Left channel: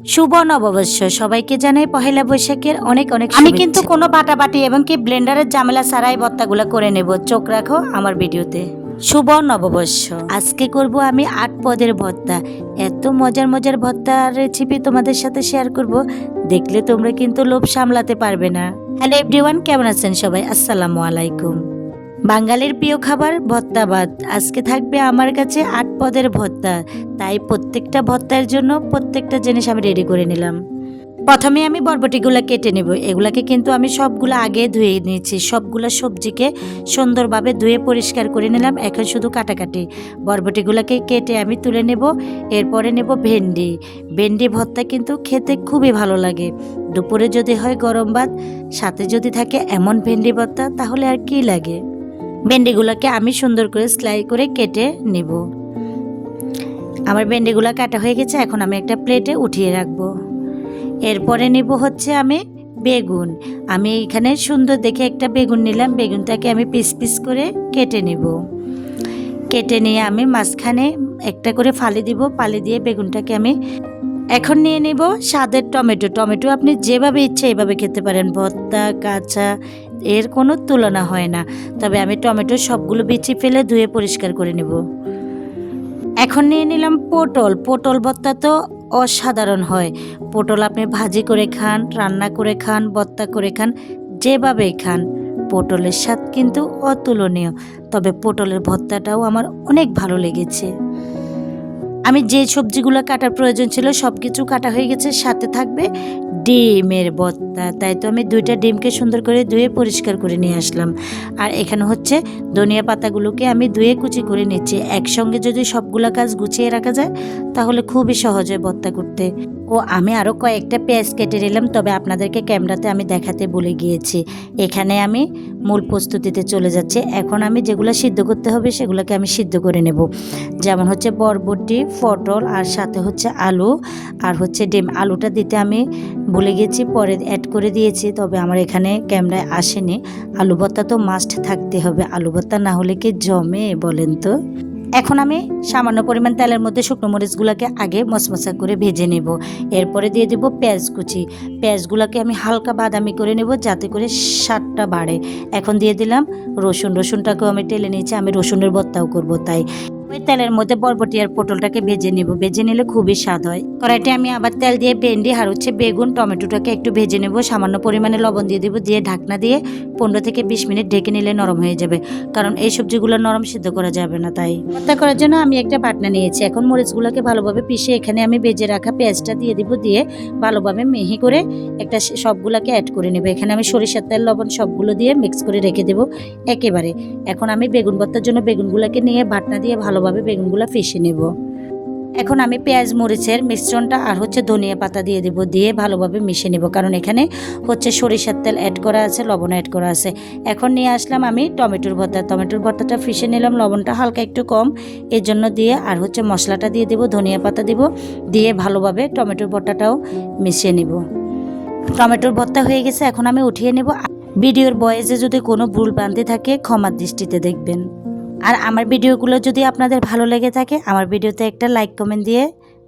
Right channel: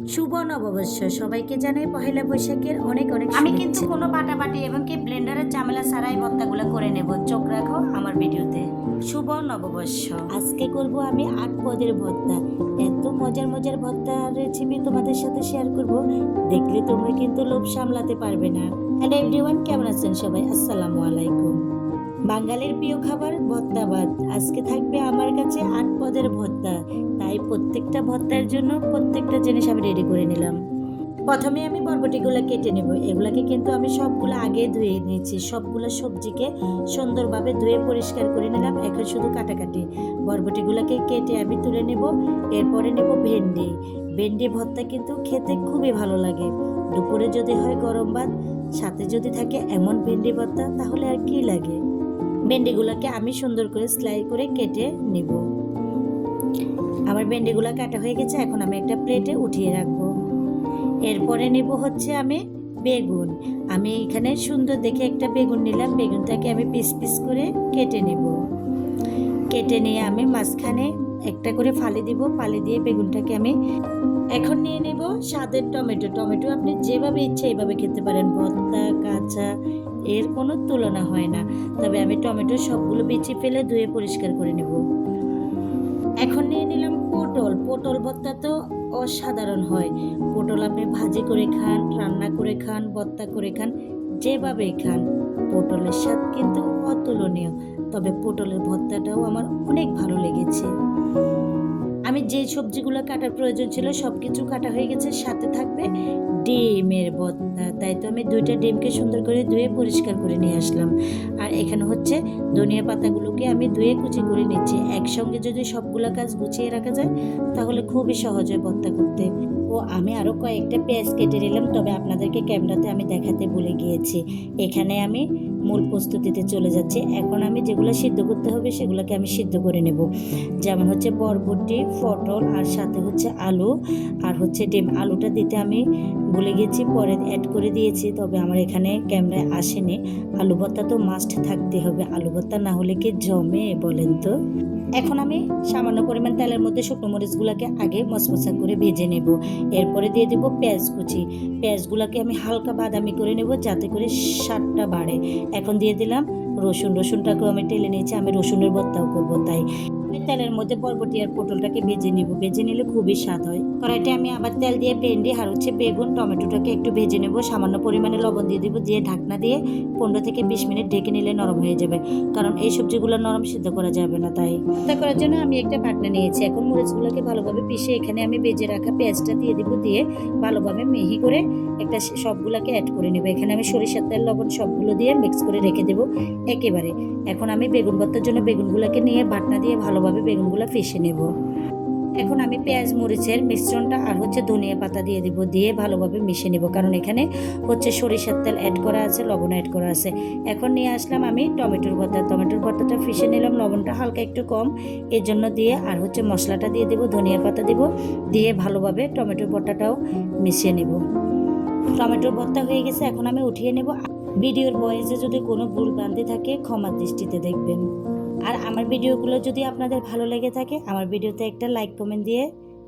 শুভ নববর্ষ সবাইকে জানাই পহেলা বৈশাখের অনেক অনেক আমি কিন্তু কোনো বাটাবাটি এবং কি ব্লেন্ডারের ঝামেলা ছাড়াই ভর্তাগুলো করে নেব। চোখ রাখো আমার ভিডিওতে। শুভ নববর্ষ। আজকে করব আমি ৮ পদের ভর্তা। এত মজার মজার ভর্তার রেসিপি তোমাদের সাথে শেয়ার করব, দেখলে তোমরা কিন্তু লোভ সামলাতে পারবে না। হ্যালো এভরিওয়ান, কেমন আছেন সবাই? আসসালামু আলাইকুম। বাঙালির প্রিয় খাবার ভর্তা ভাত। আজকে থাকবে আমার কাছে ৮ পদের ভর্তা, তাই প্রত্যেকটা ভর্তার জন্য প্রত্যেকটা জিনিস আমি রেডি করে নিলাম। প্রথমে আমি বরবটিগুলো কেটে নেব। এগুলাকে কিন্তু আমি সবগুলো আগে ধুয়ে নিয়েছি। সবগুলো সবজিকে সুন্দরভাবে ধুয়ে পরিষ্কার করে নিলাম। এখন শুধু কাটাকাটি। বরবটিগুলোকে কেটে আমি তুলে নেব। এরপরে নেব ভেন্ডি। ভেন্ডি ভর্তা কিন্তু খেতে খুবই ভালো লাগে। দুপুরে যদি হয় গরম ভাত, সাথে যদি থাকে এমন ভেন্ডি ভর্তা, তাহলে আর কি লাগে। ভেন্ডিগুলোকে আমি সুন্দর করে স্লাইস করে কেটে নেব। আমার ভেন্ডিগুলো কাটা হয়ে গেছে। এখন আমি একটা প্লেটে উঠিয়ে রাখবো। এরপরে নেব হচ্ছে আমি বেগুন। আমি এখানে সুন্দর দেখে একটা বেগুন নিলাম। বেগুনটাকে আমি পিস পিস করে কেটে নেব। কেটে নিয়ে আমি মাঝখানে একটা করে ফালি দিব। ফালি দিয়ে বেগুনটাকে আমি এখন নিয়ে নেব স্বাদের টমেটো। টমেটো আপনি যেভাবে ইচ্ছে এভাবে খেতে পারেন, ভর্তা, কাঁচা, এর কোনো তুলনা হয় না। তবে আমি টমেটো সবগুলো বিচি ফেলে ধুয়ে পরিষ্কার করে নেব। এখন নিয়ে নিলাম পটল। পটল ভর্তা তো অসাধারণ হয়। পটল আপনি ভাজি করে খান, রান্না করে খান, ভর্তা করে খান, যেভাবেই খান, পটলের স্বাদ কিন্তু অতুলনীয়। তবে পটলের ভর্তাটাও আমার অনেক ভালো লেগেছে। আমি যে সবজিগুলো কাটার প্রয়োজন ছিল সব কিছু কাটা হয়ে গেছে। সাথে থাকবে ডিমের ভর্তা। তাই তো আমি 2টা ডিমকে সুন্দর করে ধুয়ে পরিষ্কার করে নিয়ে আসলাম। আর এখানে হচ্ছে ধনিয়া পাতাগুলোকে আমি ধুয়ে কুচি করে নিচ্ছি। একসঙ্গে যদি সবগুলা কাজ গুছিয়ে রাখা যায় তাহলে খুবই সহজ হয় ভর্তা করতে। ও আমি আরও কয়েকটা পেঁয়াজ কেটে নিলাম, তবে আপনাদেরকে ক্যামেরাতে আমি দেখাতে ভুলে গিয়েছি। এখানে আমি মূল প্রস্তুতিতে চলে যাচ্ছি। এখন আমি যেগুলো সিদ্ধ করতে হবে সেগুলোকে আমি সিদ্ধ করে নেব। যেমন হচ্ছে বরবটি, পটল, আর সাথে হচ্ছে আলু, আর হচ্ছে ডিম। আলুটা দিতে আমি ভুলে গেছি, পরে অ্যাড করে দিয়েছি, তবে আমার এখানে ক্যামেরায় আসেনি। আলু ভর্তা তো মাস্ট থাকতে হবে। আলু ভর্তা না হলে কি জমে বলেন তো? এখন আমি সামান্য পরিমাণ তেলের মধ্যে শুকনো মরিচগুলোকে আগে মচমচা করে ভেজে নেব। এরপরে দিয়ে দেব পেঁয়াজ কুচি। পেঁয়াজগুলোকে আমি হালকা বাদামি করে নেব যাতে করে স্বাদটা বাড়ে। এখন দিয়ে দিলাম রসুন। রসুনটাকেও আমি টেলে নিয়েছি, আমি রসুনের ভর্তাও করব। তাই ওই তেলের মধ্যে বরবটি আর পটলটাকে ভেজে নেব। ভেজে নিলে খুবই স্বাদ হয়। কড়াইতে আমি আবার তেল দিয়ে ভেন্ডি আর হচ্ছে বেগুন, টমেটোটাকে একটু ভেজে নেব। সামান্য পরিমাণে লবণ দিয়ে দেবো। দিয়ে ঢাকনা দিয়ে 15 থেকে 20 মিনিট ঢেকে নিলে নরম হয়ে যাবে, কারণ এই সবজিগুলো নরম সিদ্ধ করা যাবে না। তাই ভর্তা করার জন্য আমি একটা বাটনা নিয়েছি। এখন মরিচগুলোকে ভালোভাবে পিষে এখানে আমি ভেজে রাখা পেঁয়াজটা দিয়ে দিব। দিয়ে ভালোভাবে মিহি করে একটা সবগুলোকে অ্যাড করে নেব। এখানে আমি সরিষার তেল, লবণ সবগুলো দিয়ে মিক্স করে রেখে দেবো একেবারে। এখন আমি বেগুন ভর্তার জন্য বেগুনগুলোকে নিয়ে বাটনা দিয়ে ভালোভাবে বেগুনগুলো পিষে নেব। এখন আমি পেঁয়াজ মরিচের মিশ্রণটা আর হচ্ছে ধনিয়া পাতা দিয়ে দেব। দিয়ে ভালোভাবে মিশিয়ে নেব, কারণ এখানে হচ্ছে সরিষার তেল অ্যাড করা আছে, লবণ অ্যাড করা আছে। এখন নিয়ে আসলাম আমি টমেটোর ভর্তা। টমেটোর ভর্তাটা পিষে নিলাম, লবণটা হালকা একটু কম এর জন্য দিয়ে, আর হচ্ছে মশলাটা দিয়ে দেব, ধনিয়া পাতা দিব। দিয়ে ভালোভাবে টমেটোর ভর্তাটাও মিশিয়ে নেব। টমেটোর ভর্তা হয়ে গেছে, এখন আমি উঠিয়ে নেব। ভিডিওর ভয়েসে যদি কোনো ভুল ভ্রান্তি থাকে ক্ষমার দৃষ্টিতে দেখবেন। আর আমার ভিডিওগুলো যদি আপনাদের ভালো লেগে থাকে, আমার ভিডিওতে একটা লাইক কমেন্ট দিয়ে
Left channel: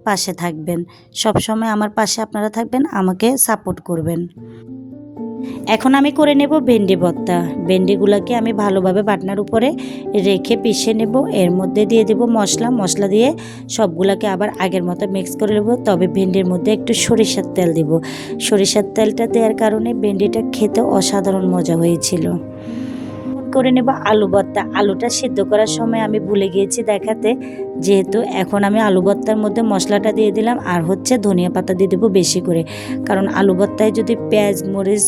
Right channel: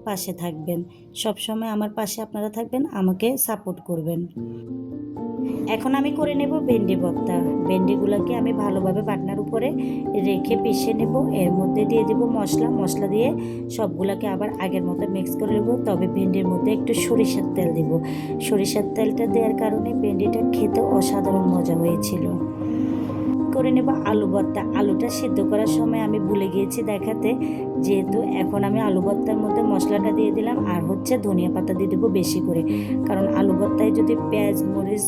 পাশে থাকবেন। সব সময় আমার পাশে আপনারা থাকবেন, আমাকে সাপোর্ট করবেন। এখন আমি করে নেব ভেন্ডি ভর্তা। ভেন্ডিগুলোকে আমি ভালোভাবে বাটনার উপরে রেখে পিষে নেব। এর মধ্যে দিয়ে দেব মশলা দিয়ে সবগুলোকে আবার আগের মতো মিক্স করে নেব। তবে ভেন্ডির মধ্যে একটু সরিষার তেল দেব। সরিষার তেলটা দেওয়ার কারণে ভেন্ডিটা খেতে অসাধারণ মজা হয়েছিল। করে নেব আলু ভর্তা। আলুটা সিদ্ধ করার সময় আমি ভুলে গিয়েছি দেখাতে, যেহেতু এখন আমি আলু ভর্তার মধ্যে মশলাটা দিয়ে দিলাম আর হচ্ছে ধনিয়া পাতা দিয়ে দেবো বেশি করে, কারণ আলু ভর্তায় যদি পেঁয়াজ, মরিচ,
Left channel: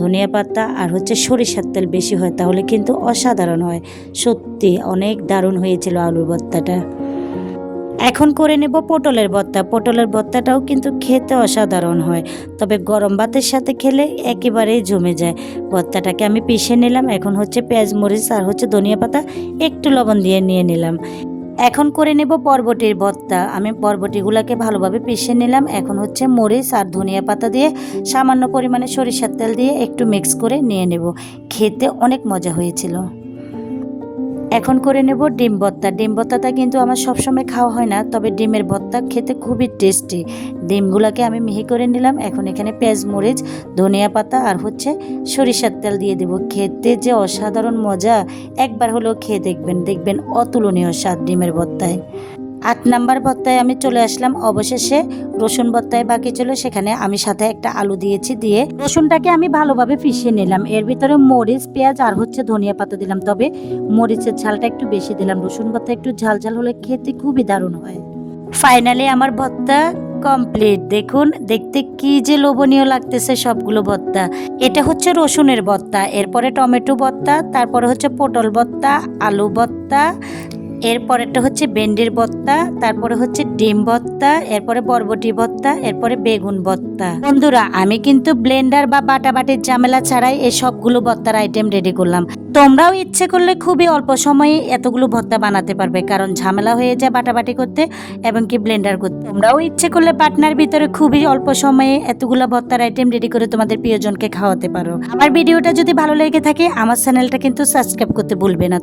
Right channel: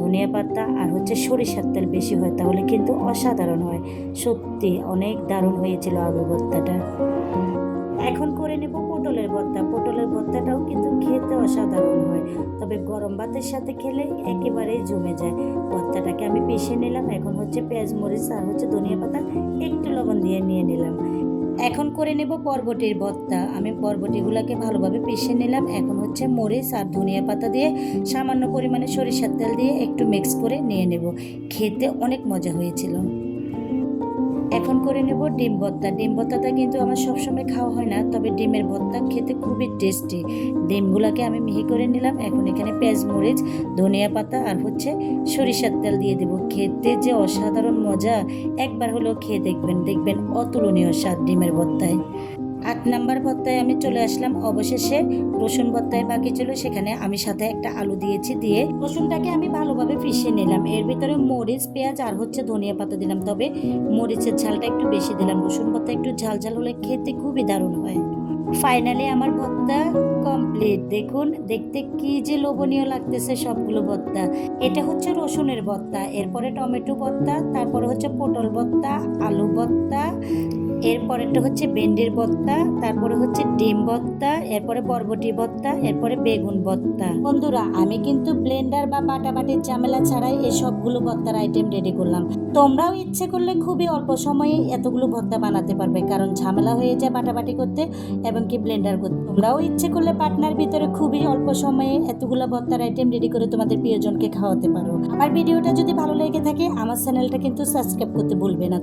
ধনিয়া পাতা আর হচ্ছে সরিষার তেল বেশি হয় তাহলে কিন্তু অসাধারণ হয়। সত্যি অনেক দারুণ হয়েছিল আলু ভর্তাটা। এখন করে নেব পটলের ভর্তা। পটলের ভর্তাটাও কিন্তু খেতে অসাধারণ হয়, তবে গরম ভাতের সাথে খেলে একেবারেই জমে যায়। ভর্তাটাকে আমি পিষে নিলাম। এখন হচ্ছে পেঁয়াজ, মরিচ আর হচ্ছে ধনিয়া পাতা একটু লবণ দিয়ে নিয়ে নিলাম। এখন করে নেব বরবটির ভর্তা। আমি বরবটিগুলোকে ভালোভাবে পিষে নিলাম। এখন হচ্ছে মরিচ আর ধনিয়া পাতা দিয়ে সামান্য পরিমাণে সরিষার তেল দিয়ে একটু মিক্স করে নিয়ে নেব। খেতে অনেক মজা হয়েছিল। এখন করে নেব ডিম ভর্তা। ডিম ভর্তাটা কিন্তু আমার সবসময় খাওয়া হয় না, তবে ডিমের ভর্তা খেতে খুবই টেস্টি। ডিমগুলোকে আমি মিহি করে নিলাম। এখন এখানে পেঁয়াজ, মরিচ, ধনিয়া পাতা আর হচ্ছে সরিষার তেল দিয়ে দেবো। খেতে যে অসাধারণ মজা, একবার হলেও খেয়ে দেখবেন, দেখবেন অতুলনীয় স্বাদ ডিমের ভর্তায়। 8 নাম্বার ভর্তায় আমি চলে আসলাম। অবশেষে রসুন ভর্তায় বাকি ছিল, সেখানে আমি সাথে একটা আলু দিয়েছি। দিয়ে রসুনটাকে আমি ভালোভাবে পিষিয়ে নিলাম। এর ভিতরে মরিচ, পেঁয়াজ আর হচ্ছে ধনিয়া পাতা দিলাম, তবে মরিচের ঝালটা একটু বেশি দিলাম। রসুন ভর্তা একটু ঝাল ঝাল হলে খেতে খুবই দারুণ হয়। ফাইনালি আমার ভর্তা কমপ্লিট। দেখুন দেখতে কি যে লোভনীয় লাগতেছে সবগুলো ভর্তা। এটা হচ্ছে রসুনের ভর্তা, এরপরে টমেটো ভর্তা, তারপরে হচ্ছে পটল ভর্তা, আলু ভর্তা, এরপরেরটা হচ্ছে ভেন্ডির ভর্তা, তারপরে হচ্ছে ডিম ভর্তা, এরপরে বরবটি ভর্তা, এরপরে বেগুন ভর্তা। বন্ধুরা, আমি কিন্তু ব্লেন্ডার বা বাটাবাটির ঝামেলা ছাড়াই এই সবগুলো ভর্তার আইটেম রেডি করলাম। তোমরাও ইচ্ছে করলে খুবই অল্প সময়ে এতগুলো ভর্তা বানাতে পারবে, কারণ ঝামেলা হয়ে যায় বাটাবাটি করতে এবং কি ব্লেন্ডার করতে। তোমরাও ইচ্ছে করলে পাটনার ভিতরে খুবই অল্প সময়ে এতগুলো ভর্তার আইটেম রেডি করে তোমাদের প্রিয়জনকে খাওয়াতে পারো। আমার ভিডিওটা যদি ভালো লেগে থাকে, আমার চ্যানেলটা কিন্তু সাবস্ক্রাইব করতে ভুলবে না।